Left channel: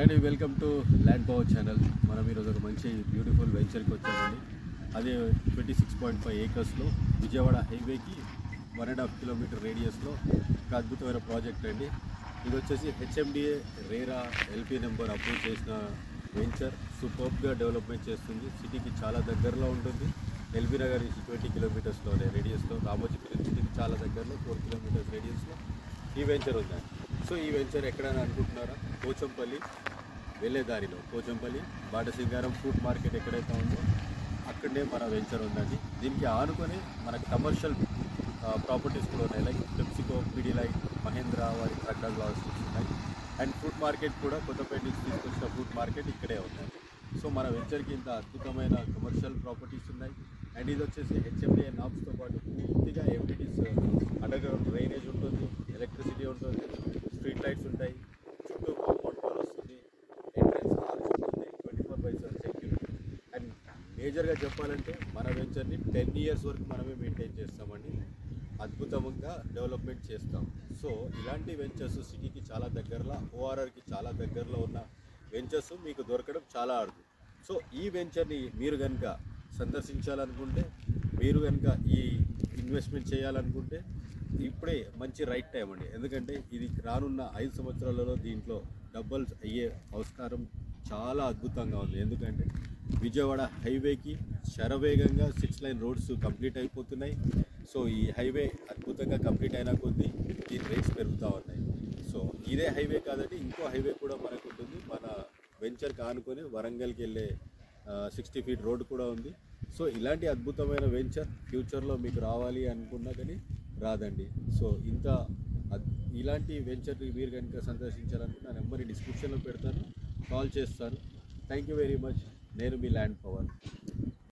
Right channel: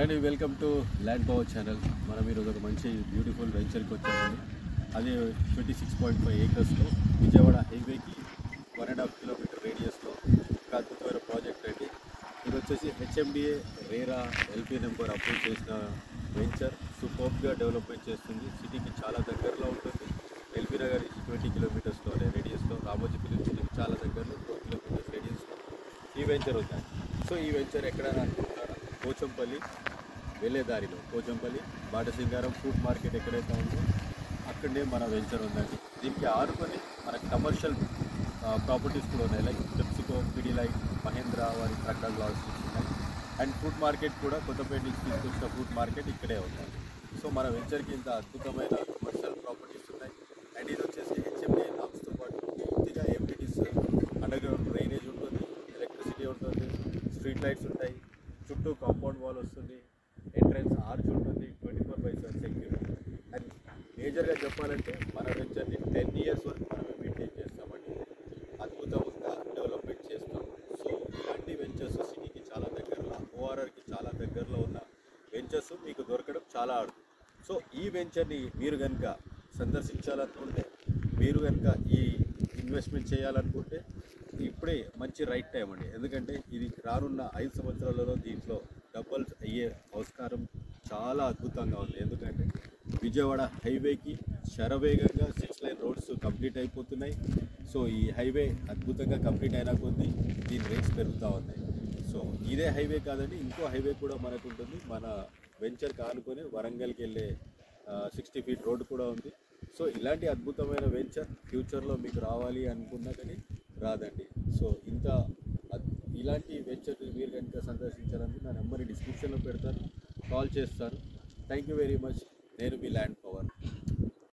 And welcome to land power channel. మనం ఈరోజు ఒక మంచి బ్యూటిఫుల్ వెంచర్కి వచ్చామండి. అదే 26.5 ఏకర్స్లో విజయవాడ హైవేకి 1.5 కిలోమీటర్ రేడియస్లో ఒక అద్భుతమైన ప్రాజెక్ట్ అండి. ఇది వచ్చేసి HMDA RERA LP number approve చేసిన వెంచర్. సూపర్గా డెవలప్మెంట్ చేస్తుంది. సిటీకి చాలా దగ్గరలో ఉంటుంది. ఎల్బీ నగర్ 20 కిలోమీటర్స్లో రేడియస్లో, రామోజీపల్లి సిటీకి చాలా దగ్గరలో 4 కిలోమీటర్స్ రేడియస్లో ఈ వెంచర్ ఉంది. సో ఈ వెంచర్ ఎక్కడైనా అనుకుంటున్నారా? పోచంపల్లి వెళ్ళే దారిలో పోచంపల్లి బాటసింగారం ఫుడ్ మార్కెట్ ఎక్కడైతే ఉందో అక్కడనే మన వెంచర్ ఉందండి. దీనికి ఆనుకొని మన కమర్షియల్ ప్రాపర్టీస్ కూడా ఉన్నాయి. లైక్ పెప్సికో, పిడిలైట్, మహేంద్ర వారి సర్కల్ లాజిస్టిక్స్ ఉన్నాయి. అండ్ ఫుడ్ మార్కెట్ కూడా కొత్తపేట నుంచి తీసుకొచ్చిన ఫుడ్ మార్కెట్ ఇక్కడే ఉందండి. సో మన వెంచర్కి ఇంత అద్భుతమైన కమర్షియల్ ప్రాపర్టీస్ ఉన్నాయి. అండ్ ఇది వచ్చేసి హెచ్ఎండిఏ నామ్స్తో పాటు పూర్తిగా ఎంపీటీస్, అండర్ గ్రౌండ్ డ్రైనేజ్ ఉంటుంది, ఎలక్ట్రిసిటీ ఉంటుంది, స్ట్రీట్ లైట్స్ ఉంటాయి, చుట్టూ కాంపౌండ్ వాల్ వస్తుంది, ఎంట్రన్స్ హాల్స్ ఉంటుంది, 24/7 సెక్యూరిటీ. అండ్ మేజర్గా చెప్పాలంటే మన వెంచర్ని 10 ఇయర్స్ వరకు మనమే మెయింటైన్ చేస్తామండి. అద్భుతంగా డెవలప్మెంట్ చేస్తాం. సో ఇలాంటి వెంచర్స్ సిటీకి చాలా దగ్గరలో, ఓఆర్ఆర్కి చాలా దగ్గరలో ఉన్న వెంచర్స్ మీకు దొరకడం చాలా అరుదు. సో ఈ వెంచర్ని మీరు కనుక సందర్శించాలనుకుంటే, మీరు కనుక ఈ ఇన్వెస్ట్మెంట్ చేయాలనుకుంటే ఇప్పుడే మంచి రైట్ టైం అండి. ఎందుకంటే ఇది రానున్న 5 సంవత్సరాలలో దీంట్లో డబుల్స్ అయ్యే ఆస్కారం చాలా అద్భుతంగా ఉంది. ఎందుకంటే విజయవాడ హైవేకి శరవేగంగా 6 లైన్ రోడ్స్ కంప్లీట్ అయిపోతున్నాయి. సో ఈ హైవే అద్భుతంగా కంప్లీట్ అయినా కొద్దీ దీని రేట్స్ పెరుగుతూ ఉన్నాయి. సో ఇదే హైవే కాదండి, ఇంకో హైవే కూడా మనకు ఉంటుంది. మన వెంచర్కి ఆనుకొని వరంగల్కి వెళ్ళే 60 ఫీట్ రోడ్ కూడా ఉంది. సో ఇలాంటి అద్భుతమైన వెంచర్ ఫ్యూచర్లో మీకు రావాలి అనుకున్నా కానీ రాదండి. సో ఇలాంటి వెంచర్ మీరు కనుక సందర్శించాలంటే నా నెంబర్ డిస్క్రిప్షన్లో పెడతాను, కాల్ చేస్తాను. Thank you very much. నేను మీ ల్యాండ్ పవర్.